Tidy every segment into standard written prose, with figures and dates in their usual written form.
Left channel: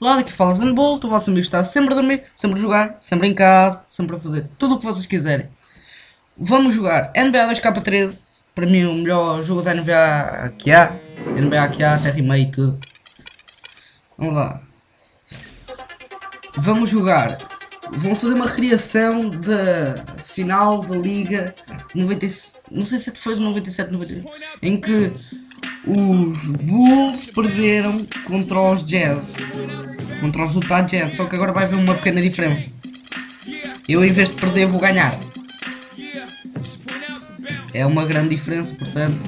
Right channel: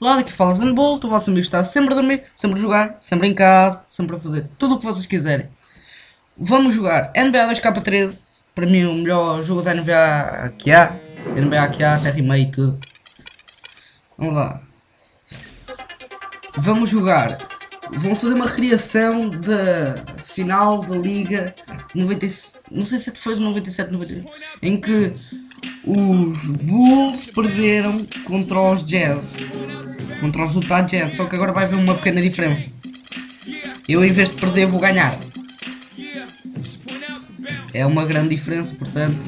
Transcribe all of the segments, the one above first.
Lá daqui fala ZanBolt, o vosso amigo está sempre a dormir, sempre a jogar, sempre em casa, sempre a fazer tudo o que vocês quiserem. Vamos jogar NBA 2K13, para mim o melhor jogo da NBA que há, terra e meio e tudo. Vamos lá. Vamos jogar. Vamos fazer uma recriação da final da Liga 97, não sei se foi 97, 98, em que os Bulls perderam contra os Jazz, contra os Utah Jazz, só que agora vai haver uma pequena diferença. Eu, em vez de perder, vou ganhar. É uma grande diferença, portanto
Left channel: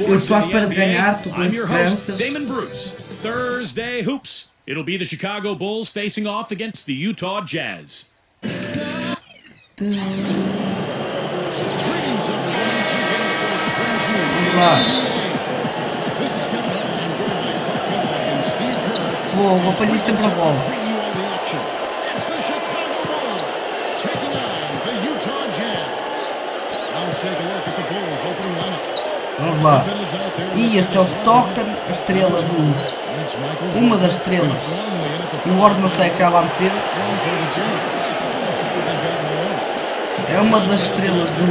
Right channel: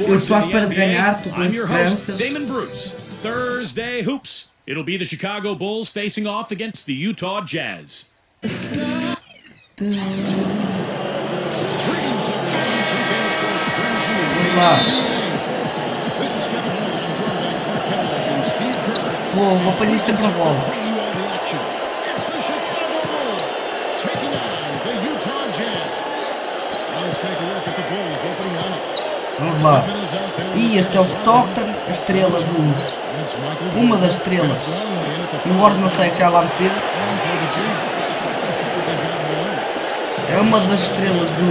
eu estou à espera de ganhar, estou com esperanças. Thursday Hoops. It'll be the Chicago Bulls facing off against the Utah Jazz. Greetings, everyone. 2K Sports brings you the NBA. This is Kevin Harlan. I'm joined by Clark Kellogg and Steve Kerr. Fogo, apanhei sempre a bola. Bring you all the action. It's the Chicago Bulls taking on the Utah Jazz. Now let's take a look at the Bulls opening lineup. Vamos lá. E este é o Stockton, a estrela dos... uma das estrelas. E o Ward não sei que já lá meteram. É uma das estrelas do...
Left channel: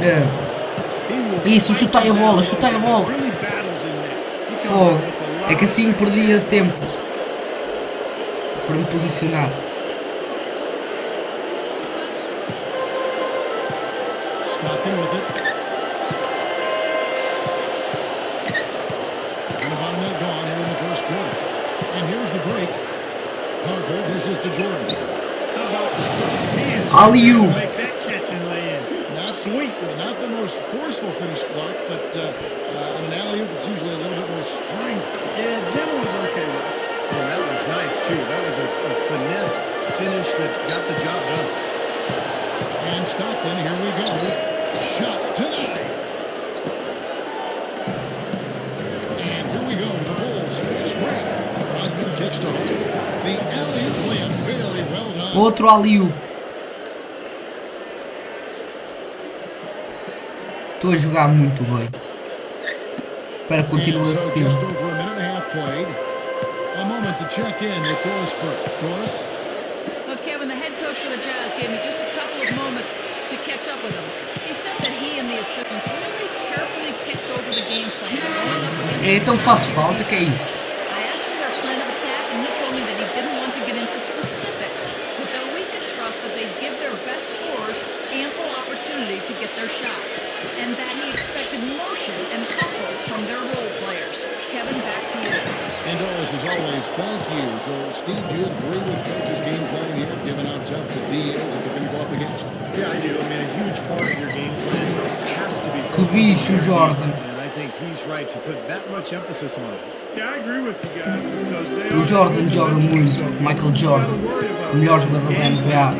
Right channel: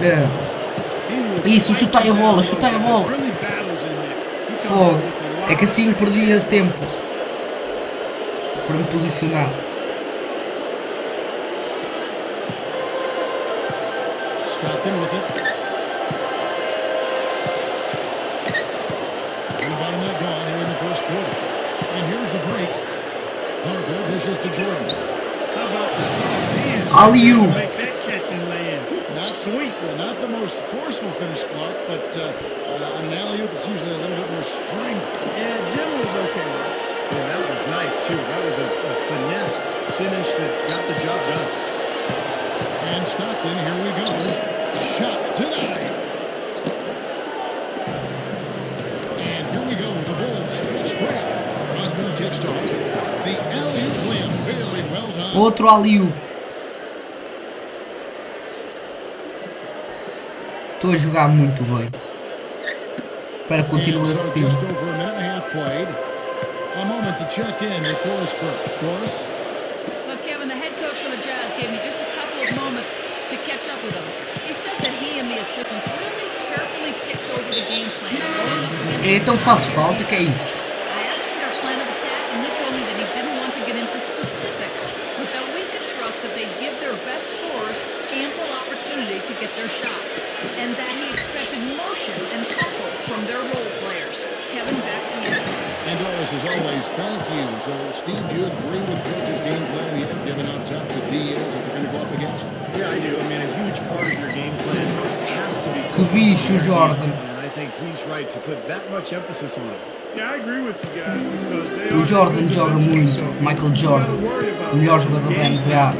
É. Isso, chutei a bola, chutei a bola. Fogo. É que assim perdia tempo para me posicionar. Stockton with it. And about a minute gone here in the first quarter. And here's the break. Harper dishes to Jordan. How about the soft hands to make that catch and lay in? Not sweet. Not the most forceful finish, Clark, but on an alley-oop, it's usually a little bit more strength. Yeah, gentle is okay, though. And that was nice, too. That was a finesse finish that got the job done. And Stockton, here we go. Shot denied. And here we go, the Bulls fast break. Rodman kicks to Harden. The alley-oop layup, very well done. Outro alley-oop. Estou a jogar muito bem. Para continuar assim. Just over a minute and a half played. A moment to check in with Doris Burke. Doris? Look, Kevin, the head coach for the Jazz gave me just a couple of moments to catch up with him. He said that he and the assistants really carefully picked over the game plan going up against. Então faz falta, que é isso? I asked him their plan of attack, and he told me that he didn't want to get into specifics, but that we could trust that they'd give their best scorers ample opportunity to get their shots, and that he expected motion and hustle from their role players. Kevin, back to you. And Doris, as always, thank you. So, Steve, do you agree with Coach's game plan here, given how tough the D is that they're going to go up against? Yeah, I do. I mean, a huge part of your game plan has to be focused on Jordan. And I think he's right to put that much emphasis on it. Yeah, I agree with you guys because they o Jordan joga muito, Michael Jordan, melhor jogador da NBA.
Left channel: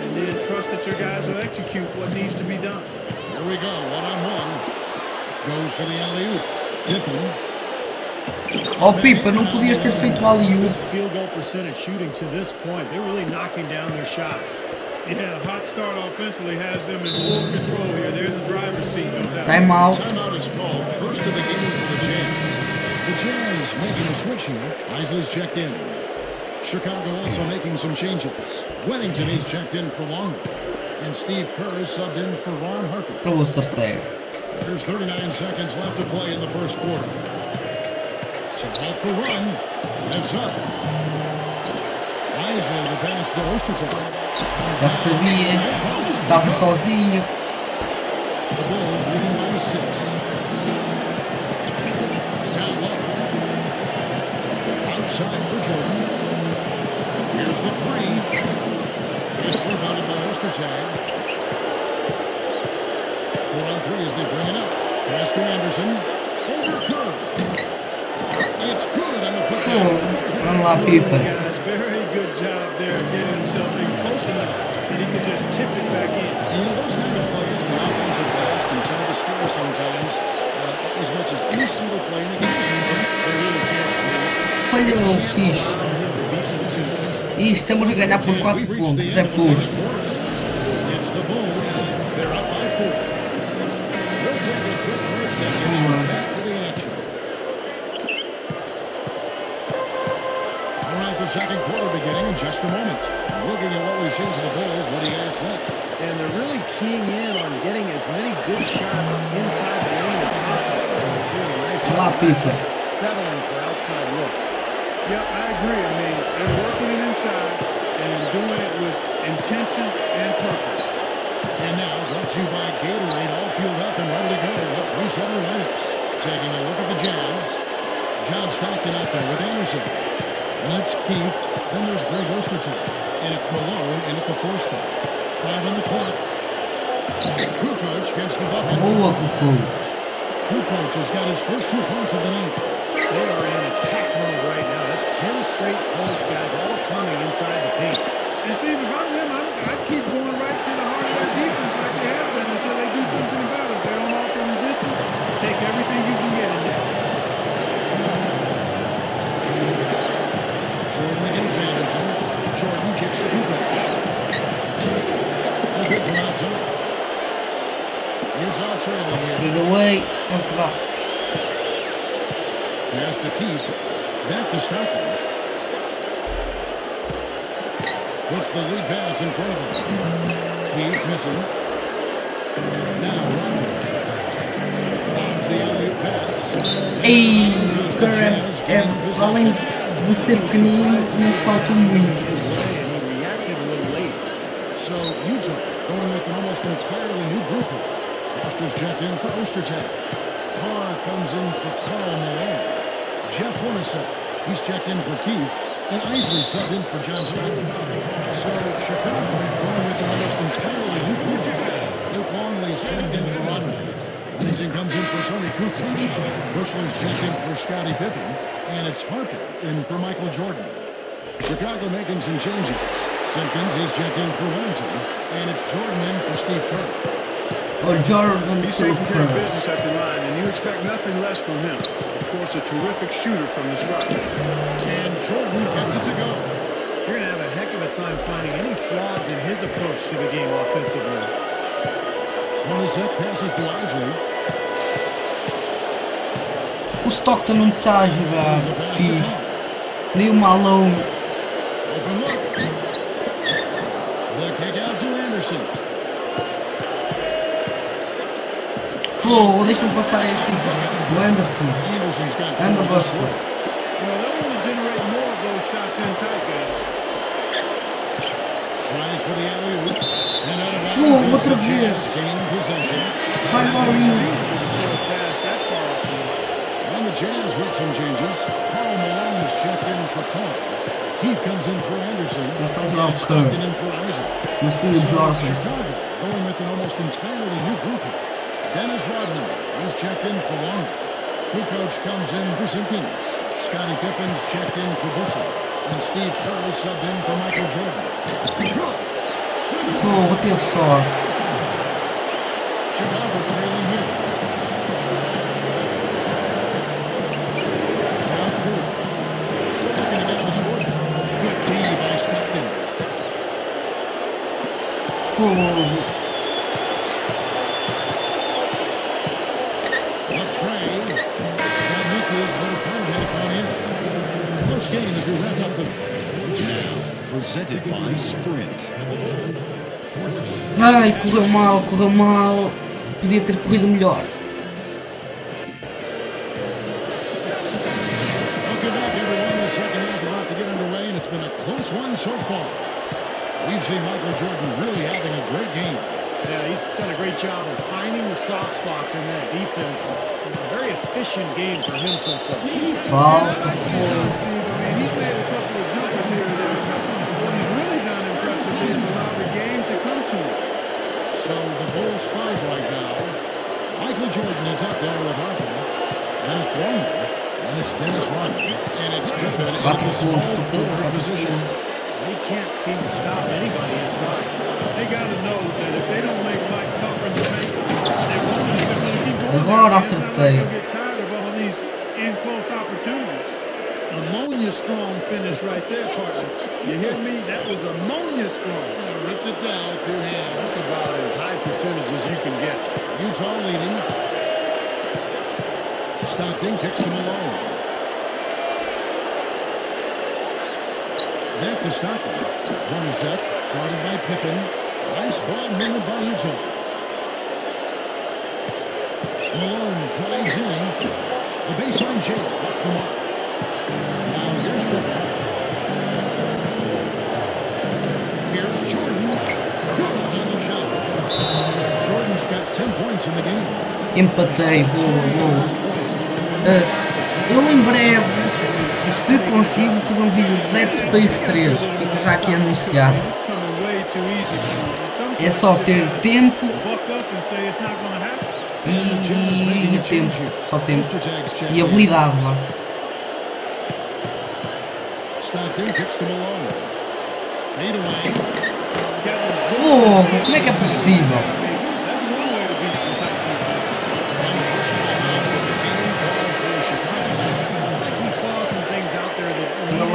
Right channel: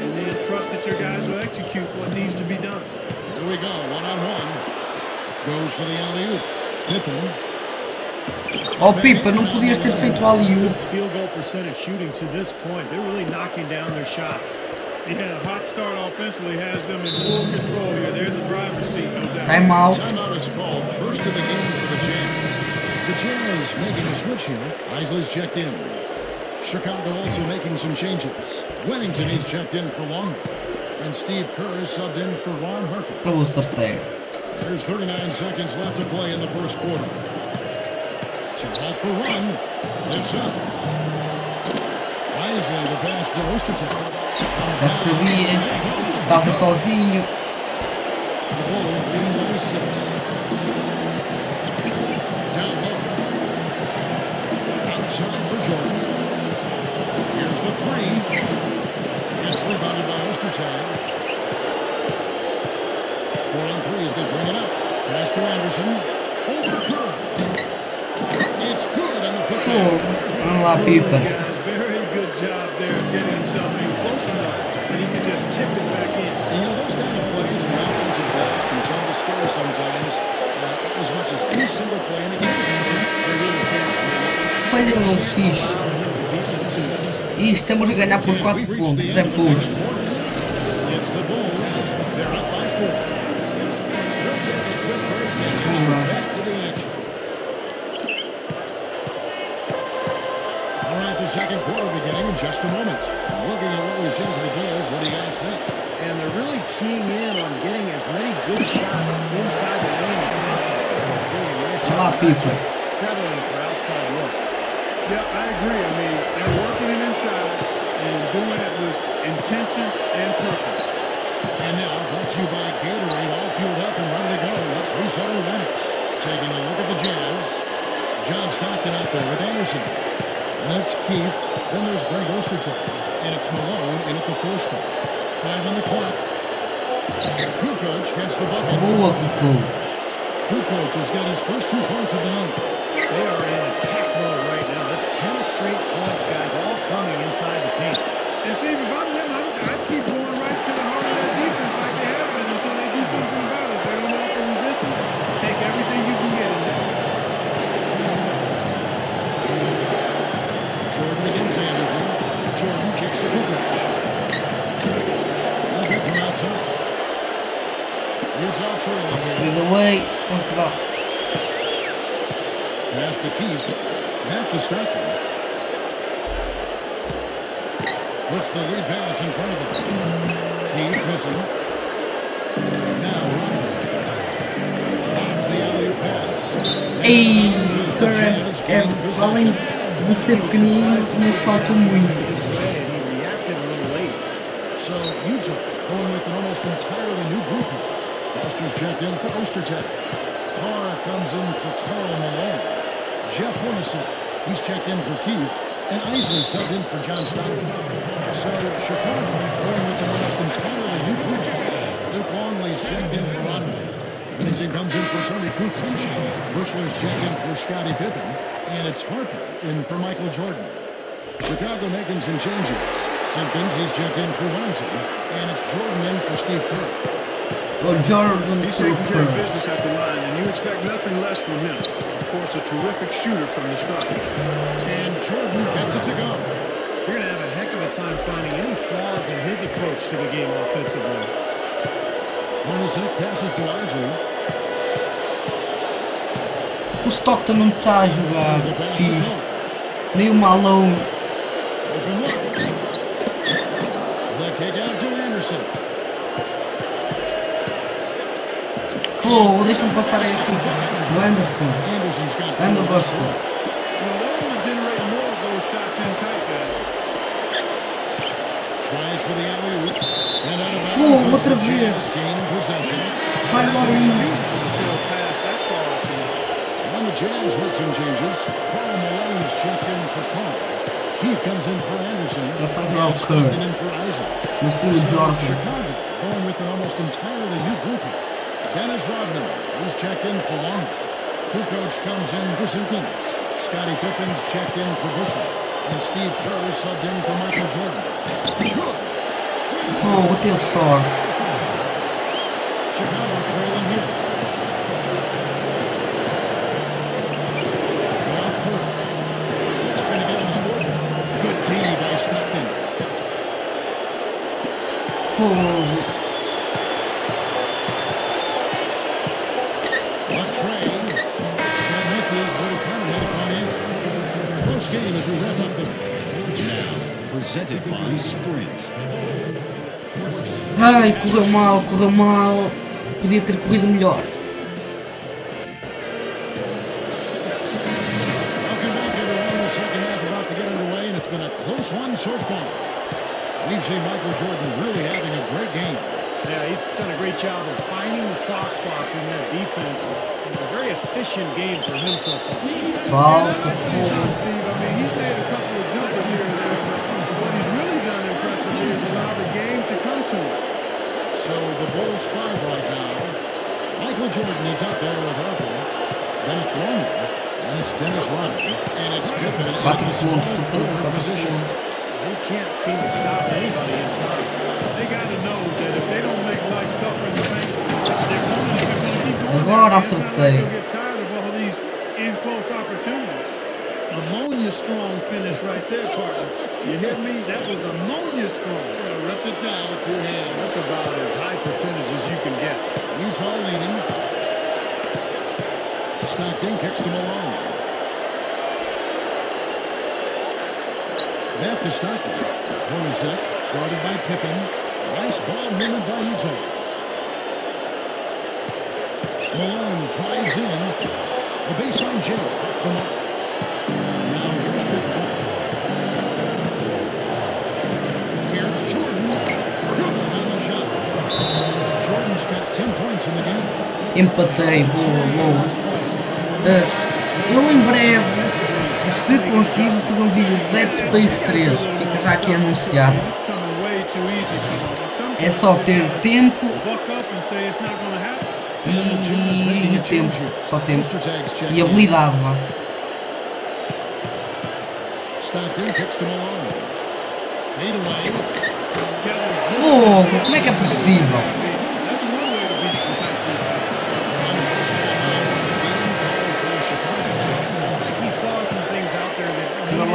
And then trust that your guys will execute what needs to be done. Here we go, one-on-one. Goes for the alley-oop. Pippen. Oh, Pippen, não podias ter feito o alley-oop. Field goal percentage shooting to this point. They're really knocking down their shots. Yeah, hot start offensively has them in full control here. They're in the driver's seat, no doubt. Timeout. Timeout is called. First of the game for the Jazz. The Jazz making a switch here. Isley's checked in. Chicago also making some changes. Wennington is checked in for Longley. And Steve Kerr is subbed in for Ron Harper. There's 39 seconds left to play in the first quarter. To halt the run, lifts up. Isley the pass to Ostertag. Já sabia, estava sozinho. The Bulls leading by 6. Down low. Outside for Jordan. Here's the three. It's rebounded by Ostertag. 4 on 3 as they bring it up. Pass to Anderson. Over Kerr. It's good on the putback. Vamos lá, Pippen. Guys, very good job there of getting himself in close enough that he could just tip it back in. And you know, those kind of plays in the offensive glass can tell the story sometimes as much as any single play in a game. They really can. I mean, falhou, fixe. allow him to beat them to. E estamos a ganhar por 4 We've reached pontos, the é end of the sixth pouco. quarter. It's the Bulls. They're up by 4. We'll take a quick break and get you back to the action. All right, the second quarter beginning in just a moment. Looking at what we've seen from the Bulls, what do you guys think? And they're really keying in on getting as many good shots inside the lane as possible. They're doing a nice job of not just settling for outside looks. Yep, I agree. I mean, they're working it inside and doing it with intention and purpose. And now, brought to you by Gatorade, all fueled up and ready to go. Let's reset our lineups. Taking a look at the Jazz. John Stockton out there with Anderson. Then it's Keith. Then there's Greg Ostertag. And it's Malone in at the 4 spot. 5 on the clock. Kukoc gets the bucket. Boa, Kukoc. Kukoc has got his first 2 points of the night. They are in attack mode right now. That's 10 straight points, guys, all coming inside the paint. And Steve, if I'm them, I'd keep going right to the heart of that defense like they have been until they do something about it. If they don't offer resistance, take everything you can get in there. Jordan against Anderson. Jordan kicks to Kukoc. No good from outside. Utah trailing here. Fade away, é o que dá. Pass to Keith. Back to Stockton. Puts the lead pass in front of him. Keith missing. Now Rodman. Lobs the alley-oop pass. Ei, cara, além de ser pequenino, não salta muito. So Utah going with an almost entirely new group here. Foster's checked in for Ostertag. Carr comes in for Karl Malone. Jeff Hornacek, he's checked in for Keith. And Isley subbed in for John Stockton. So Chicago going with an almost entirely new group. Luke Longley's checked in for Rodman. Wennington comes in for Tony Kukoc. Bushler's checked in for Scottie Pippen. And it's Harper in for Michael Jordan. Chicago making some changes. Simpkins, he's checked in for Wennington. And it's Jordan in for Steve Kerr. Oh, Jordan He's taking care of business at the line, and you expect nothing less from him. Of course, a terrific shooter from the stripe. And Jordan gets it to go. You're going to have a heck of a time finding any flaws in his approach to the game offensively. Hornacek passes to Isley. O Stockton não está a jogar fixe. Nem o Malone. Open look. The kick out to Anderson. Fogo, deixa-me passar aí assim. O Anderson. And the Bushler. You know, they'll want to generate more of those shots in tight, guys. Tries for the alley-oop. And out of Fogo, bounds outra as the vez. Jazz gain possession. Falha o alley-oop. Usable to throw a pass that far off the mark. And the Jazz with some changes. Karl Malone's checked in for Carl. Keith comes in for Anderson. Já está a jogar And o Kerr. Stockton in for Isaac. Mas tem o So Jordan. Chicago going with an almost entirely new group here. Dennis Rodman, he's checked in for Longley. Kukoc comes in for Simpkins. Scottie Pippen's checked in for Bushler. And Steve Kerr is subbed in for Michael Jordan. Good. Fogo, teve sorte. Chicago trailing here. Now Kerr. Still looking to get on the scoreboard. Good D by Stockton. Fogo. The tray. That misses, but it kind of had it gone in. Close game as we wrap up the... Now, presented by Sprint. Ai, correu mal, correu mal. Podia ter corrido melhor. Welcome back, everyone. The second half about to get underway, and it's been a close one so far. We've seen Michael Jordan really having a great game. Yeah, he's done a great job of finding the soft spots in that defense. A very efficient game for him so far. Falta, fogo. Steve, I mean, he's made a couple of jumpers here or there, but what he's really done impressively is allow the game to come to him. So the Bulls 5 right now. Michael Jordan is out there with Harper. Then it's Longley. Then it's Dennis Rodman. And it's Pippen in the small forward position. He can't seem to stop anybody inside. They got to know that if they don't make life tougher in the paint, their opponent is just going to keep going. Agora It's not like acertei. they'll get tired of all these in-close opportunities. Ammonia strong finish right there, partner. You hear me? That was ammonia strong. Yeah, ripped it down with two hands. That's about as high percentage as you can get. Utah leading. Stockton kicks to Malone. Back to Stockton. Hornacek guarded by Pippen. Nice ball movement by Utah. Malone drives in. The baseline J off the mark. Now here's Pippen. Here's Jordan. Good on the shot. Jordan's got 10 points in the game. Empatei, boa, boa. Eu em breve, se consigo fazer um vídeo de Dead Space 3, fica já aqui anunciado. É só ter tempo e tempo, só tempo. E habilidade lá. Stockton kicks to Malone. Fade away. Fogo, como é que é possível? And the first time out of the game called for Chicago. It's like he saw some things out there that needed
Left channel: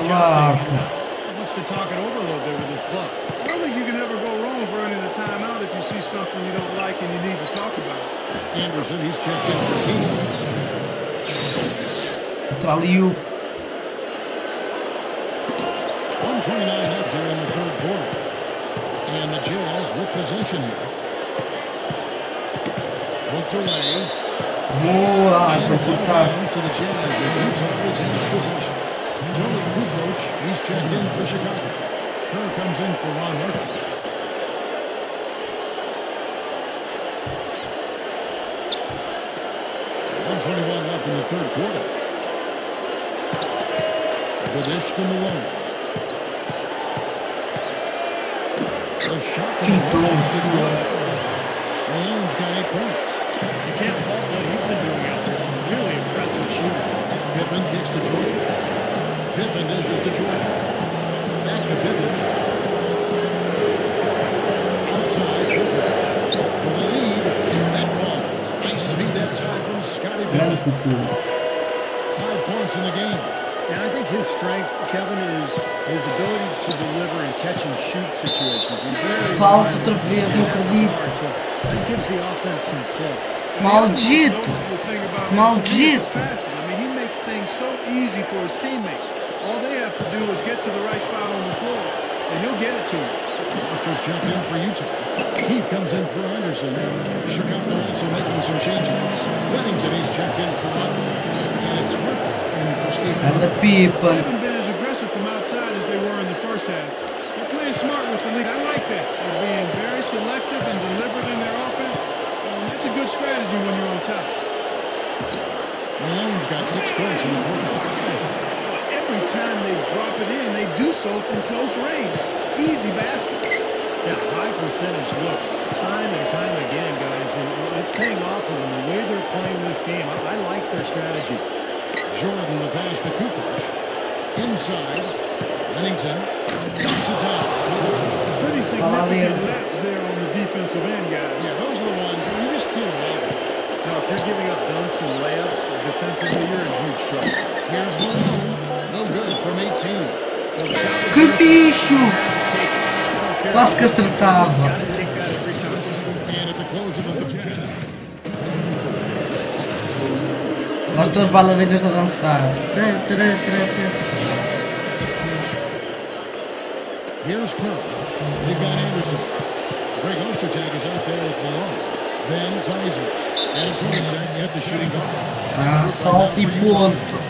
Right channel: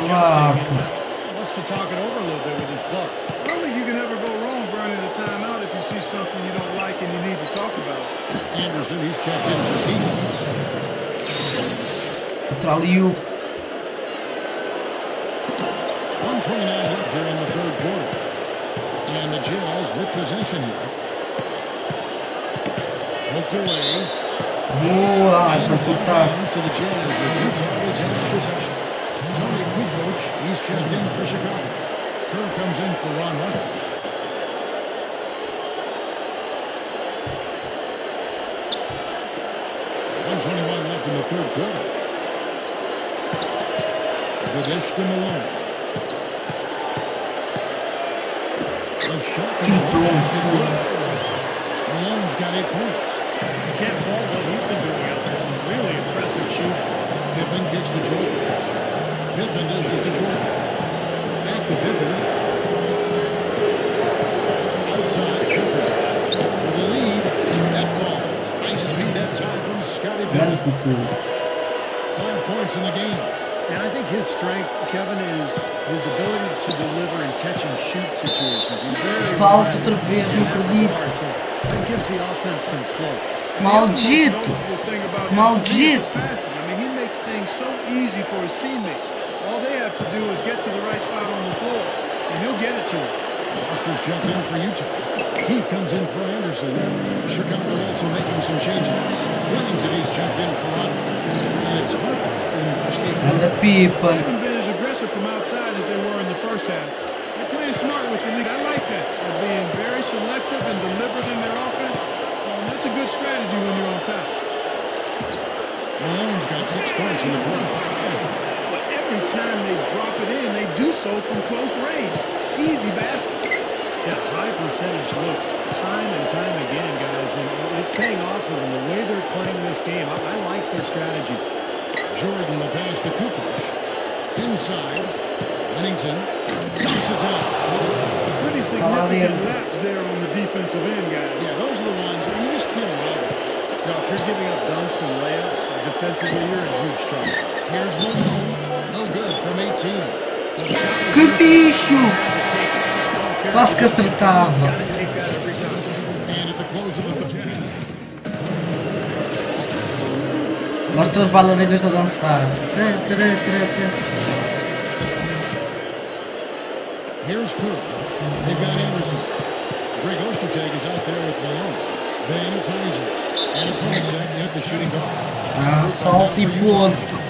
adjusting and wants to talk it over a little bit with his club. I don't think you can ever go wrong burning the timeout if you see something you don't like and you need to talk about it. Anderson, he's checked in for Keith. Outra-liu. 1:29 left here in the third quarter. And the Jazz with possession here. Poked away. Boa, And foi it's out of fantástico. bounds to the Jazz as Utah retains possession. Tony Kukoc, he's checked in for Chicago. Kerr comes in for Ron Harper. .121 left in the third quarter. The dish to Malone. The shot from Malone is good. Malone's got 8 points. You can't fault what he's been doing out there. Some really impressive shooting. Pippen kicks to Jordan. Pippen dishes to Jordan. Back to Pippen. Outside, Kukoc. For the lead, that falls. Nice speed that time from Scottie Pippen. 5 points in the game. And I think his strength, Kevin, is his ability to deliver in catch and shoot situations. He's very Falta outra vez, não acredito. guard, so that gives the offense some flow. Maldito. Maldito. I mean, he makes things so easy for his teammates. All they have to do is get to the right spot on the floor, and he'll get it to him. Foster's checked in for Utah. Keith comes in for Anderson. Chicago also making some changes. Wennington, he's checked in for Rodman. And it's Harper in for Steve And the Kerr. They Pippen. haven't been as aggressive from outside as they were in the first half. They're playing smart with the lead. I like that. They're being very selective and deliberate in their offense. That's a good strategy when you're on top. Malone's got 6 points in the quarter. Boy, every time they drop it in, they do so from close range. Easy baskets. Yeah, high percentage looks time and time again, guys, and it's paying off for them the way they're playing this game. I like their strategy. Jordan, the pass to Kukoc. Inside, Wennington dumps it down. Pretty significant lapse there on the defensive end, guys. Yeah, those are the ones, you just can't allow that. No, if you're giving up dunks and layups, defensively, you're in huge trouble. Here's Malone. No good from 18. Well, the shot was Que there, bicho! had to take it. I don't care. Quase que acertava. He's got to take that every time. And at the close of the third. Nós estamos bailarinas a dançar. Here's Kerr. They've got Anderson. Greg Ostertag is out there with Malone. Then it's Isley. And it's Hornacek in at the shooting guard. Falta e ponto.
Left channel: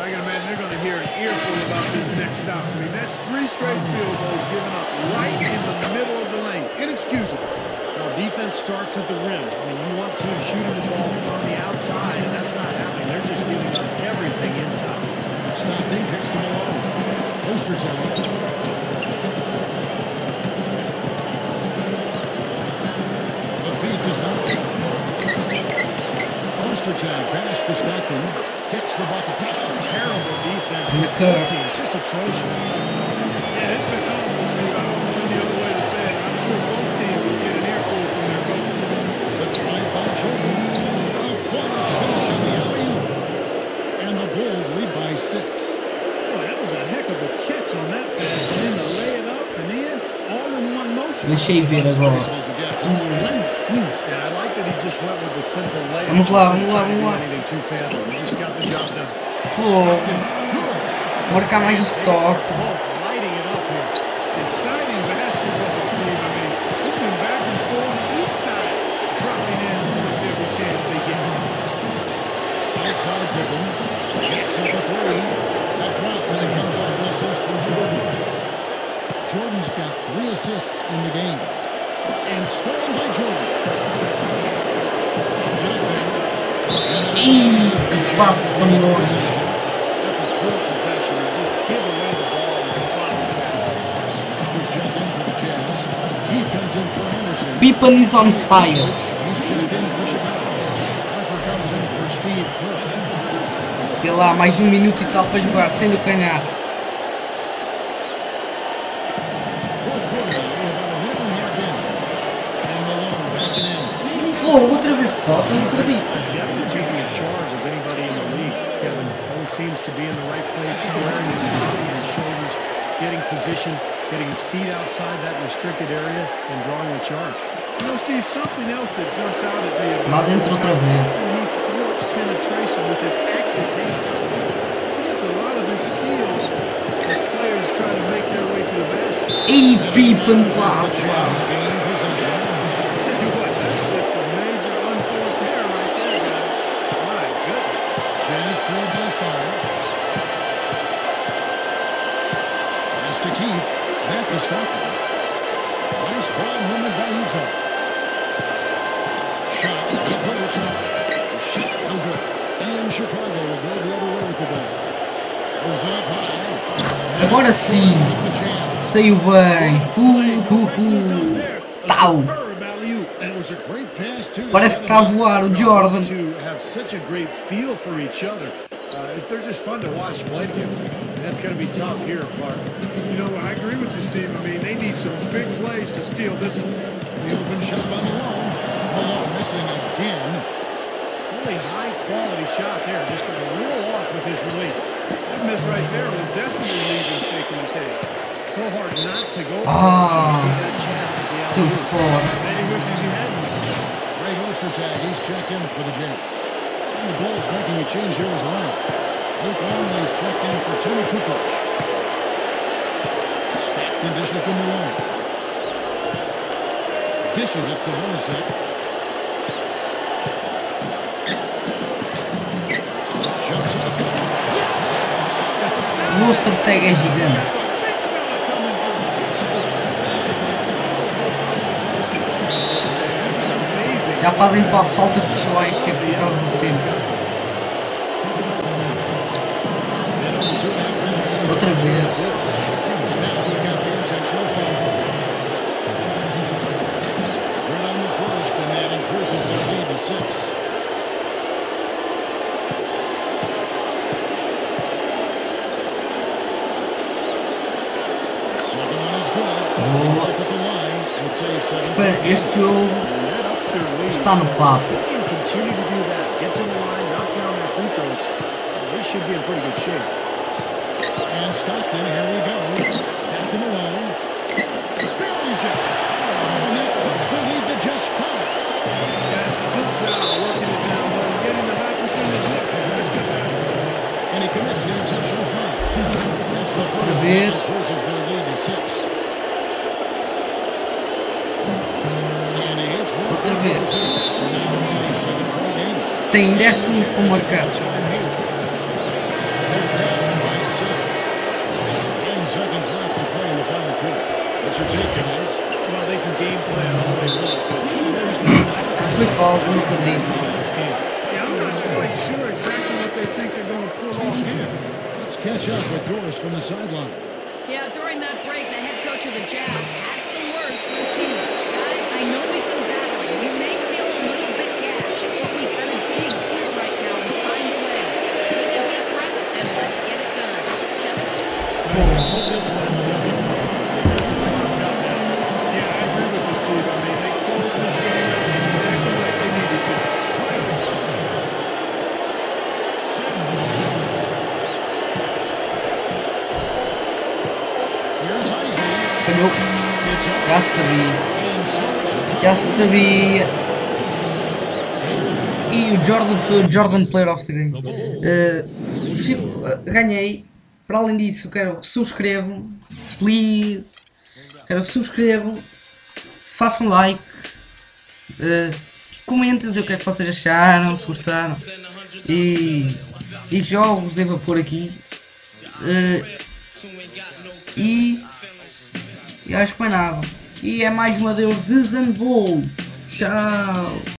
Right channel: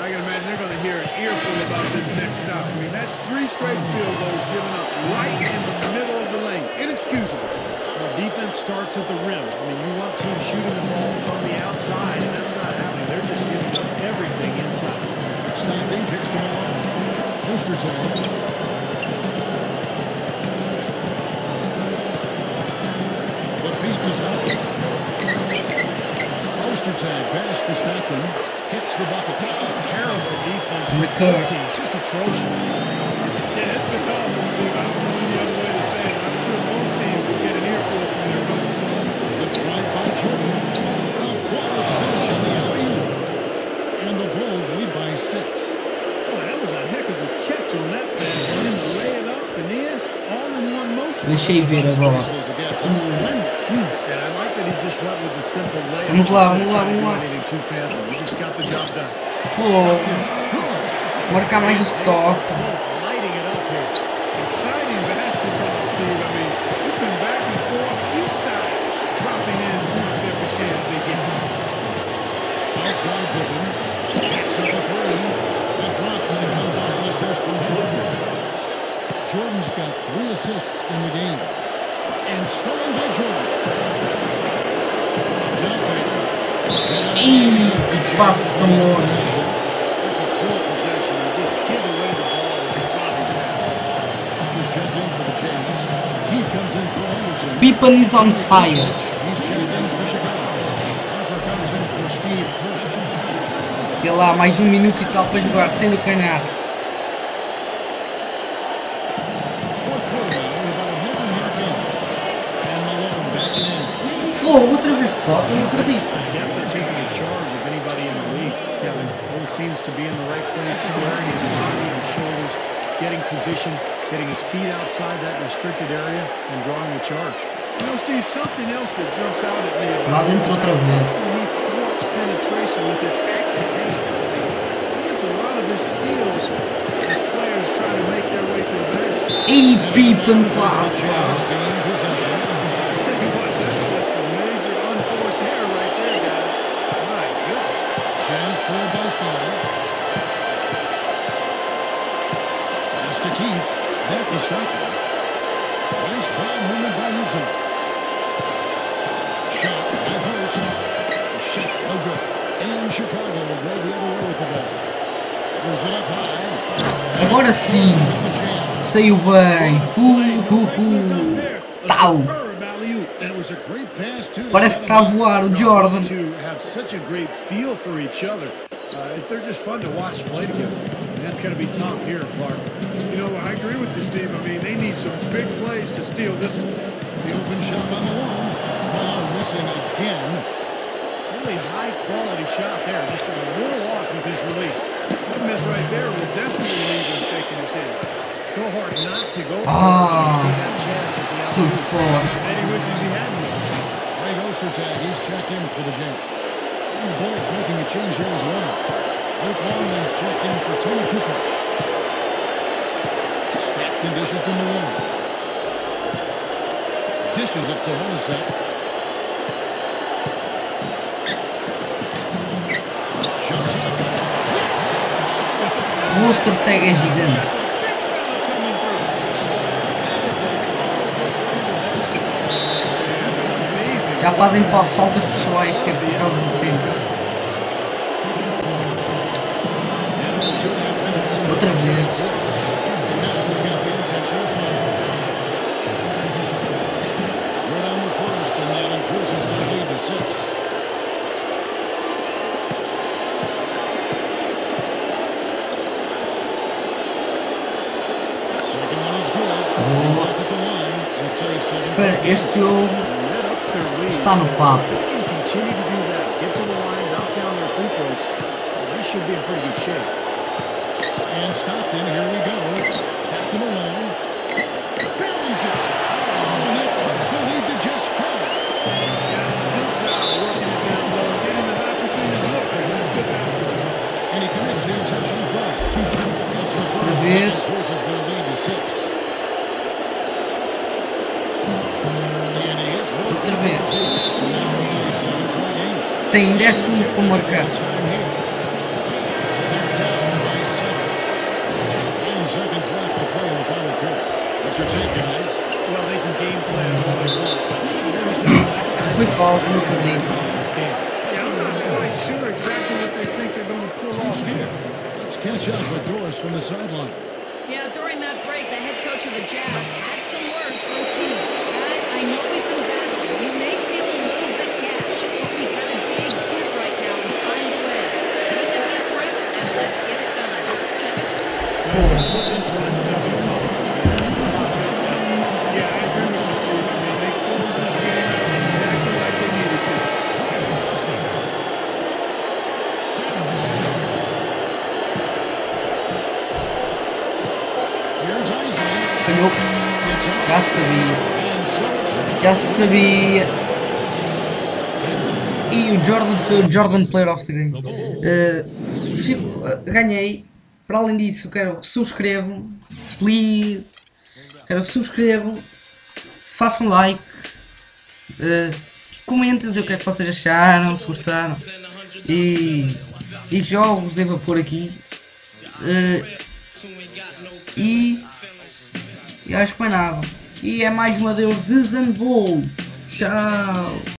I can imagine they're going to hear an earful about this next stop. I mean, that's 3 straight field goals given up right in the middle of the lane. Inexcusable. Well, defense starts at the rim. I mean, you want teams shooting the ball from the outside, and that's not happening. They're just giving up everything inside. Stockton kicks to Malone. Ostertag. The feed to Stockton. Ostertag pass to Stockton. Gets the bucket. Terrible defense And for the Kerr. both teams. Just atrocious. Yeah, it's been awful, Steve. I don't know any other way to say it, and I'm sure both teams will get an earful from their coaches. The drive by Jordan. A flawless finish on the alley-oop. And the Bulls lead by 6. Boy, that was a heck of a catch on that pass, and then to lay it up and in, all in one motion. Deixei ver agora. Splendid. And I like that he just went with the simple layup. Vamos lá, instead of vamos lá, trying to vamos do lá. anything too fancy. He just got the job done. Fogo. Marcar mais o They are stop. both lighting it up here. Exciting basketball, Steve. I mean, it's been back and forth, each side dropping in points every chance they get. Outside Pippen. Jacks up a 3. That drops and it comes off an assist from Jordan. Jordan's got 3 assists in the game. And stolen by Jordan. Lobs it up there. And out of bounds is the Jazz main possession. That's a poor possession. You just give away the ball with a sloppy pass. Foster's checked in for the Jazz. Keith comes in for Anderson. Pippen is on fire. He's checked in for Chicago. Harper comes in for Steve Kerr. E lá, mais 1 minuto e tal para jogar, tendo que ganhar. Fourth quarter now. We're about a minute and a half in. And Malone backing in. Fogo, outra vez falta, não acredito. Adept at taking a charge as anybody in the league. Kevin always seems to be in the right place, squaring his body and his shoulders, getting position, getting his feet outside that restricted area, and drawing the charge. You know, Steve, something else that jumps out at me Lá about him dentro is outra how vez. often he thwarts penetration with his active hands. I mean, he gets a lot of his steals as players try to make their way to the basket. Ei, And Pippen, out of bounds is quase, the Jazz quase. gain possession. I tell you what, that's just a major unforced error right there, guys. My goodness. Jazz trailed by 5. Pass to Keith. Back to Stockton. Nice ball movement by Utah. Shot, high post. The shot, no good. And Chicago will go the other way with the ball. Throws it up high. And Agora it's sim. Jordan with the jam. Saiu bem. Play, no regular dunk there. A Tau. superb alley-oop. And it was a great pass, too. to Parece set que him está a up. voar o Those Jordan. two have such a great feel for each other. They're just fun to watch play together. And that's going to be tough here, Clark. You know, I agree with you, Steve. I mean, they need some big plays to steal this one. The open shot by Malone. Malone missing again. Really high quality shot there. Just a little off with his release. That miss right there will definitely leave him shaking his head. So hard not to go for it when you see that chance at the Seu alley-oop. fora. Bet he wishes he hadn't, though. Greg Ostertag, he's checked in for the Jazz. And the Bulls making a change here as well. Luke Longley's checked in for Tony Kukoc. Stockton dishes to Malone. Dishes it to Hornacek. Jumps up. Yes! Got the O Ostertag é gigante. Got the big fella coming through. That is a powerful brand of basketball right there. Man, an amazing. Já fazem putback. faltas pessoais que é Love por the causa effort do from this tempo. guy. In over 2.5 minutes in the Outra first here of vez. the fourth. And now we've got the intentional foul. Good on the first, and that increases their lead to 6. Second one is good. They both at the line, and it's a 7-point Espera, game. este jogo And that ups their lead. está no So papo. if they can continue to do that, get to the line, knock down their free throws, they should be in pretty good shape. And Stockton, here we go. Back to Malone. Buries it. Oh, and that cuts the lead to just 5. Guys, good job working it down low and getting the high percentage look there. That's good basketball. And he commits the intentional foul. It's the first that vez. increases their lead to 6. And he hits both Outra free vez. throws here. So now it's a 7-point game. tem 10 And the segundos para Jazz marcar. call time here. They're down by 7. 9 seconds left to play in the final quarter. What's your take, guys? Well, they can game plan all they want, but there's not enough time Foi left falta, for não them to acredito. win this game. Yeah, I'm not quite sure exactly what they think they're going to pull off here. Let's catch up with Doris from the sideline. Yeah, during that break, the head coach of the Jazz had some words for his team. Guys, I know we've been battling. You may feel a little bit gassed, but we've got to dig deep right now and find a way. Take a deep breath and let's get it done. Kevin? So you can put this one in the W column. I mean, this is locked up now. Yeah, I agree with you, Steve. I mean, they closed this game out exactly like they needed to. Here's Isley. Falhou. It's off. Já sabia. And so it's Chicago Já winning sabia. E o Jordan foi o Jordan Player of the Game. Ganhei. Para além disso, quero que subscrevam. Please. Quero que subscrevam. Façam like. Comentem dizer o que é que vocês acharam, se gostaram. E jogos devo pôr aqui. E acho que mais nada. E é mais um adeus de ZanBolt. Tchau.